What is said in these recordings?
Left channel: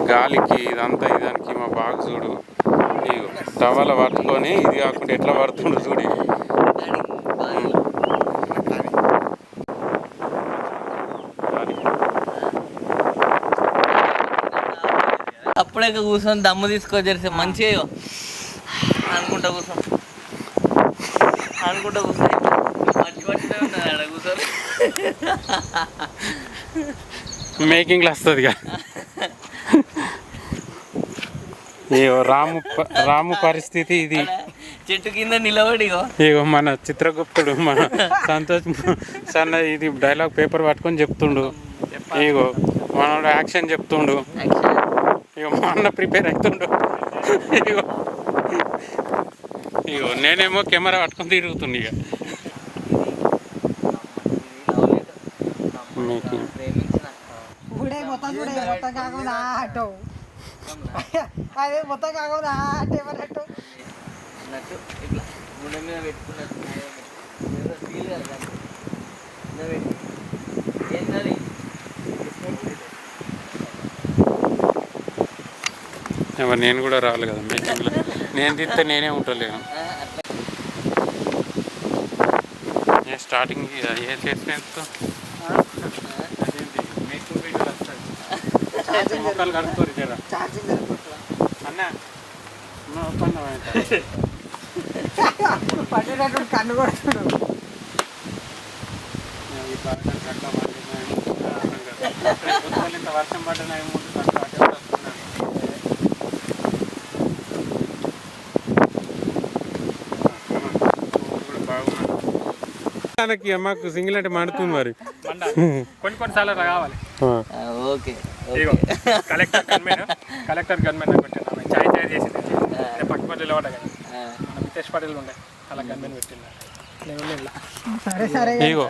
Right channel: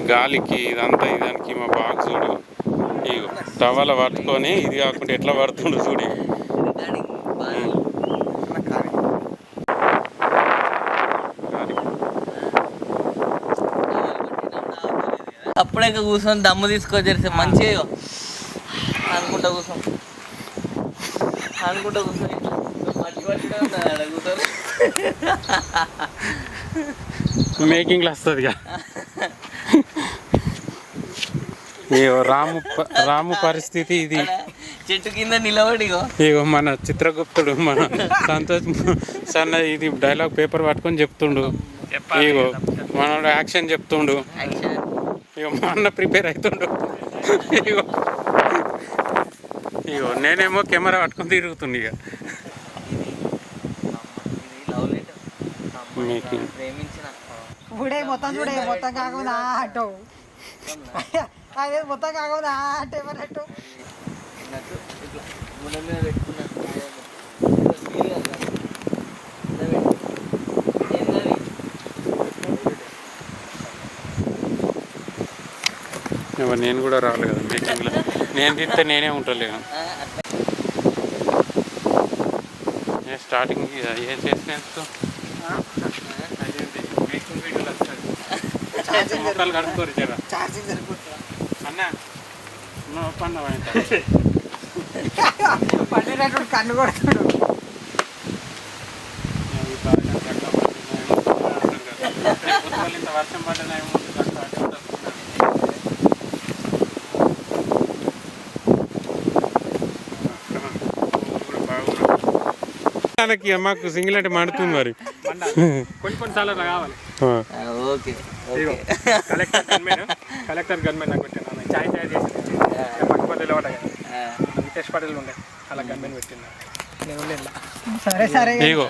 ఈ గాలికి ఇదంతా ఇదానికి మా బాగా చూడు ఇగో టవల పట్టుకొని ఇది కాకుండా ఎట్లా పడుతుండు చూడు అప్పుడే కూర్చొని దమ్ము తీసుకొచ్చేసి మంచిగా అనుకుంటా కూర్చొని మేకింగ్ వస్తుంది రాము పరిస్థితి ఇది. చెట్టు కింద నిలబడి ఇగో మన చిత్రగుప్తుడు మన సంతోష్ సన్న ఇది డైలాగ్ పేపర్ పట్టుకొని చెప్తుండు. ఇగో మనోడు యాక్షన్ చెప్తుండు. ఇగో మా అన్న ప్రిపేర్ అవుతుండు. ఇగో నేనేమో కెమెరా పట్టుకొని తిరుగుతుండు. ఇక మేకింగ్ మొత్తం కాకుండా అదే మొత్తం కాకుండా అట్టేమన్నట్టు నేను కూడా రావాలి కదా మేకింగ్లో. నేను తిస్తే నేనే ఉంటలేను. స్టార్టింగ్ ఏం చేసినట్టు అదేంటి మేకింగ్ వీడియోలు వస్తుంది. మొక్కలు కడుక్కోరు జరా అన్న పండినట్టు కన్ను కొడుతుడు. ఇంత వర్షం పడ్డాయేమో మాకు సింగిల్ అంటే మండుతుంది మరి. కొన్నిసార్లు కావాలి. ఓకే కలెక్టర్ గన్మెన్ పెట్టాను. చాయ్ తయారు చేసింది పట్టుపల్లిలో కదా వితేష్ పటేల్ ఉండే అలా గన్మెన్ పెట్టిన నేను ఇగో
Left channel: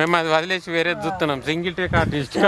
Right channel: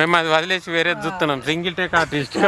మేము అది వదిలేసి వేరే చూస్తున్నాం. Single take artist.